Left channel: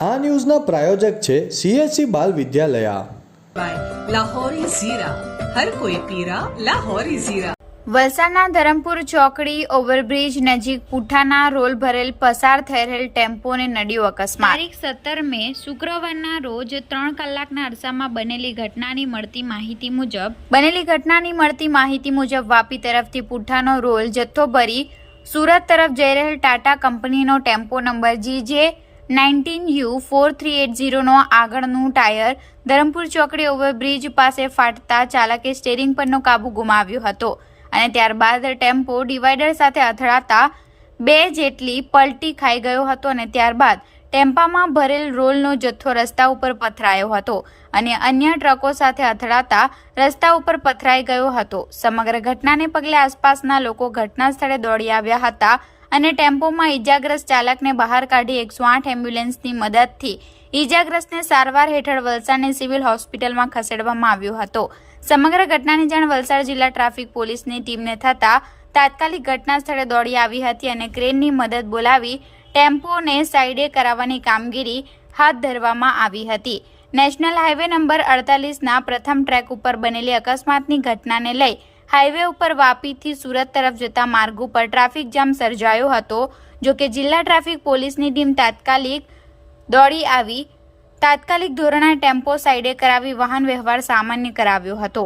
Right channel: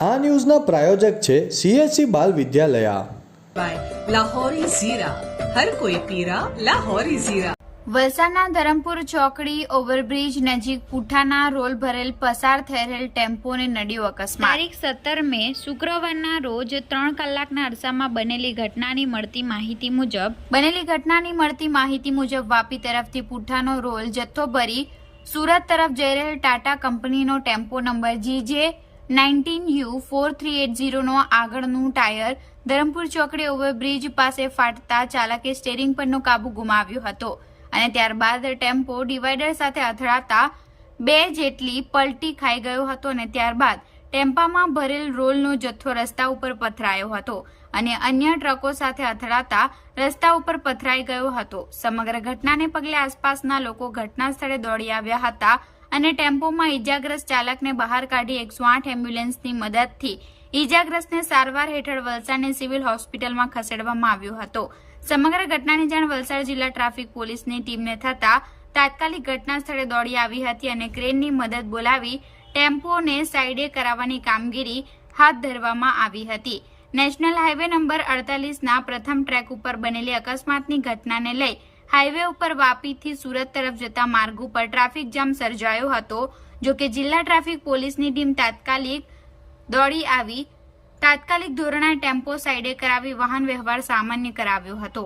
આ ન્યૂઝના પ્રાયોજક છે CSC બાલ વિદ્યાલયા। લાહોરી ઝીરા, હર કોઈ પીરા લાહોરી ઝીરા। વલસાડના ધરમપુર ચોકડી ઓવરબ્રિજ નજીક પુઠ્ઠાના રોલ ભરેલ પસાર થઈ રહેલ ટેમ્પોને નડ્યો અકસ્માત। તારીખ 17 મે શુક્રવારના રોજ 3 કલાકના અરસામાં બનેલી ઘટનાની મળતી માહિતી મુજબ વાપી તરફથી પુઠ્ઠાનો રોલ જથ્થો ભરી સુરત તરફ જઈ રહેલ ટાટા કંપનીનો ટેમ્પો નંબર GJ19U4380 નો આગળનું ટાયર ધરમપુર ચોકડી ઓવરબ્રિજ પાસે ફાટતા ચાલકે સ્ટીયરિંગ પરનો કાબુ ગુમાવ્યો હતો અને ત્યારબાદ ટેમ્પો ડિવાઈડર સાથે અથડાતા 2 જેટલી પલટી ખાઈ ગયો હતો અને ત્યારબાદ ટેમ્પામાં ભરેલ રોલનો જથ્થો રસ્તા ઉપર પથરાયો હતો અને અન્ય ટ્રકો સાથે અથડાતા રસ્તા ઉપર પથરાઈ ગયો હતો। સમગ્ર ઘટનાને પગલે આસપાસના લોકો ઘટના સ્થળે દોડી આવ્યા હતા અને ટેમ્પોમાં ઈજાગ્રસ્ત ચાલકને બહાર કાઢી 108 એમ્બ્યુલન્સની મદદથી ઈજાગ્રસ્તને સારવાર હેઠળ વલસાડની સિવિલ હોસ્પિટલમાં ખસેડવામાં આવ્યો હતો। સમગ્ર ઘટનાની જાણ વલસાડ જિલ્લા ટ્રાફિક પોલીસની ટીમને થતા તાત્કાલિક ઘટના સ્થળે દોડી આવી હતી અને ક્રેનની મદદ બોલાવી ટેમ્પોને સાઈડે કરાવવાની કામગીરી હાથ ધરવામાં આવી હતી। નેશનલ હાઈવે નંબર 48ના પ્રથમ ટ્રેક ઉપર બનેલી અકસ્માતની ઘટનાને લઈ હાઈવે ઉપર વાપીથી સુરત તરફ જતા માર્ગ ઉપર ટ્રાફિક જામ સર્જાયો હતો। જો કે જિલ્લા ટ્રાફિક પોલીસની ટીમ તાત્કાલિક દોડી આવી તાત્કાલિક ધોરણે ટેમ્પો સાઈડે કરાવી વાહન વ્યવહાર સામાન્ય કરાવ્યો હતો।